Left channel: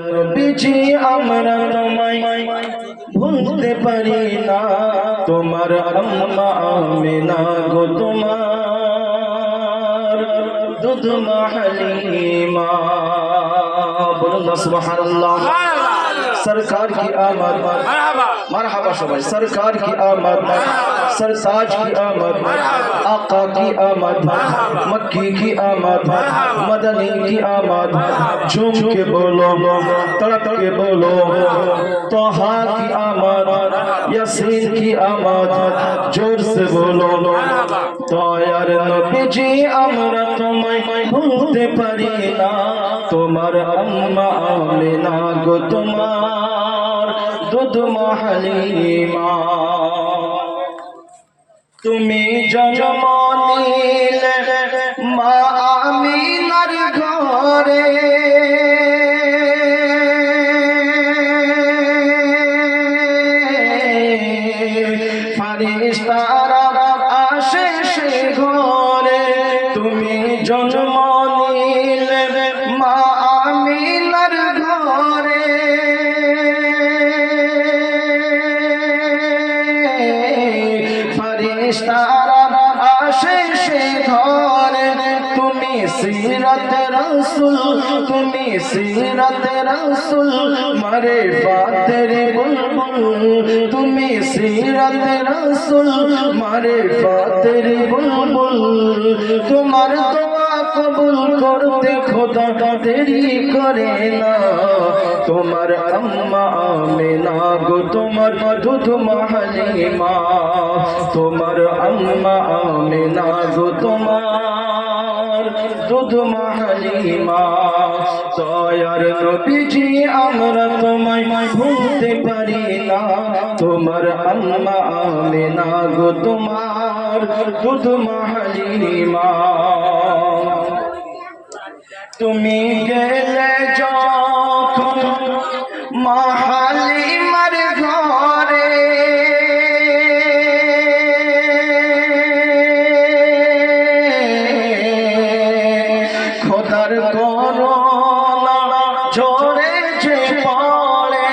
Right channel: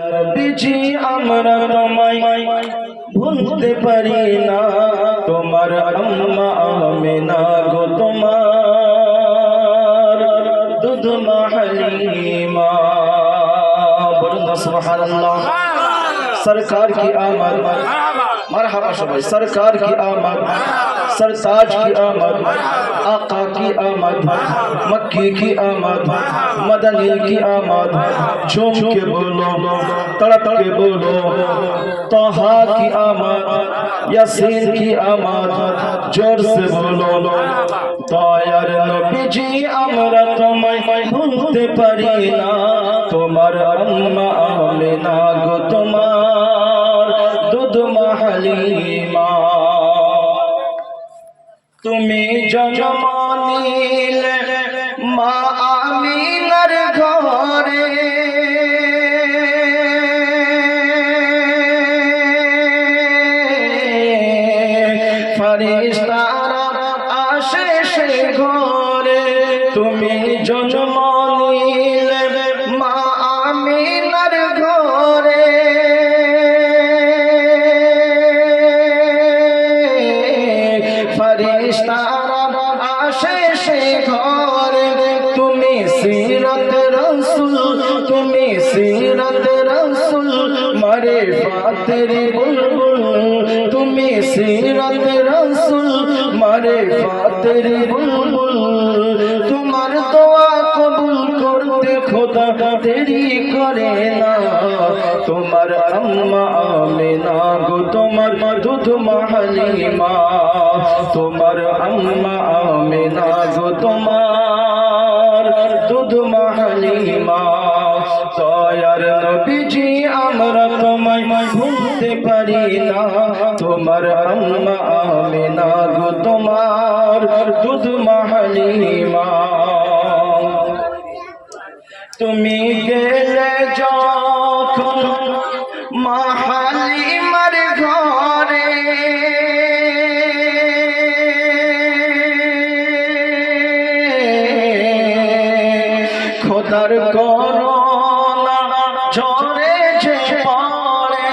নবীজি আমরা তোমায় ভুলতে পারি না, তোমার আম্মা আমিনা গো তোমার দুধ মা হালিমা। বলুন সুবহানাল্লাহ। सरकार की आमद, मरहबा सबाई। सरकार की आमद, सरताज की आमद, आका की आमद, मक्की की आमद, मदनी की आमद। झूम के बोलो, तड़प के बोलो, तोहा की आमद, यासीन की आमद। जोर से बोलो, दयार नबीजी আমরা তোমায় ভুলতে পারি না, তোমার আম্মা আমিনা গো তোমার দুধ মা হালিমা। তুমি জন্ম নিলে মা আমিনার ঘরে, ফেরেশতারা আসে সেই ঘরে। তুমি জন্ম নিলে মা আমিনার ঘরে, ফেরেশতারা আসে সেই ঘরে। তুমি সিরাত রাসূল, তুমি সিরাত রাসূল মারে ফাতের বুলবুল। তুমি সিরাত রাসূল মারে ফাতের বুলবুল। তোমার দোয়া কবুল করতে খোদা দেরি করে না, তোমার আম্মা আমিনা গো তোমার দুধ মা হালিমা। তোমার আম্মা আমিনা গো তোমার দুধ মা হালিমা। দয়ার নবীজি আমরা তোমায় ভুলতে পারি না, তোমার আম্মা আমিনা গো তোমার দুধ মা হালিমা। তুমি গেলে যখন মা হালিমার ঘরে, খোদার করোনা ঝরে যে পড়ে।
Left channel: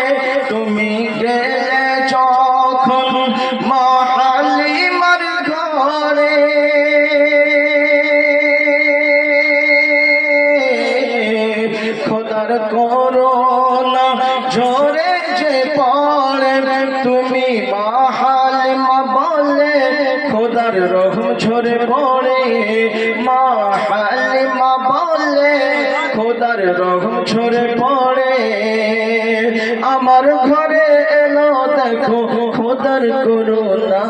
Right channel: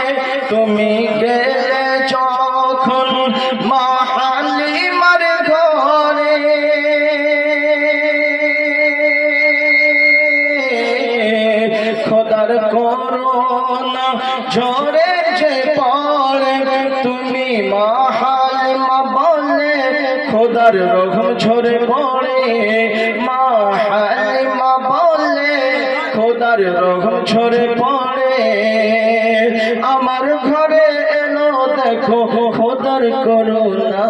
তুমি গেলে যখন মা হালিমার ঘরে, খোদার করোনা ঝরে যে পড়ে। তুমি মা হালিমা বলে খোদার রহম ঝরে পড়ে। মা হালিমা বলে খোদার রহম ঝরে পড়ে। আমার ঘরে এলো দেখো খোদার করুণা,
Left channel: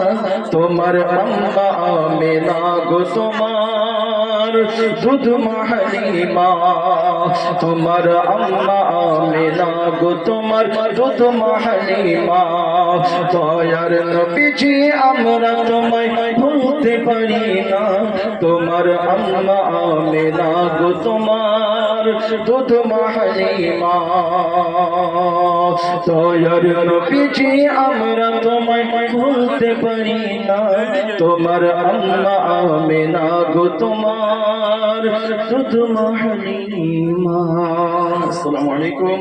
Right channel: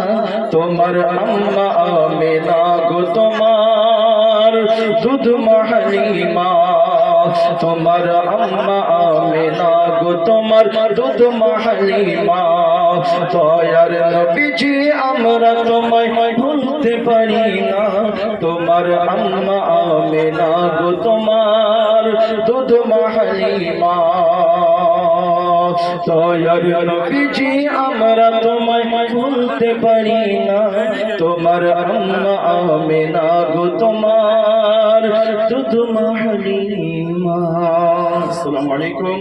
তোমার আম্মা আমিনা গো তোমার দুধ মা হালিমা। তোমার আম্মা আমিনা গো তোমার দুধ মা হালিমা। দয়ার নবীজি আমরা তোমায় ভুলতে পারি না, তোমার আম্মা আমিনা গো তোমার দুধ মা হালিমা। দয়ার নবীজি আমরা তোমায় ভুলতে পারি না, তোমার আম্মা আমিনা গো তোমার দুধ মা হালিমা। আসসালামু আলাইকুম।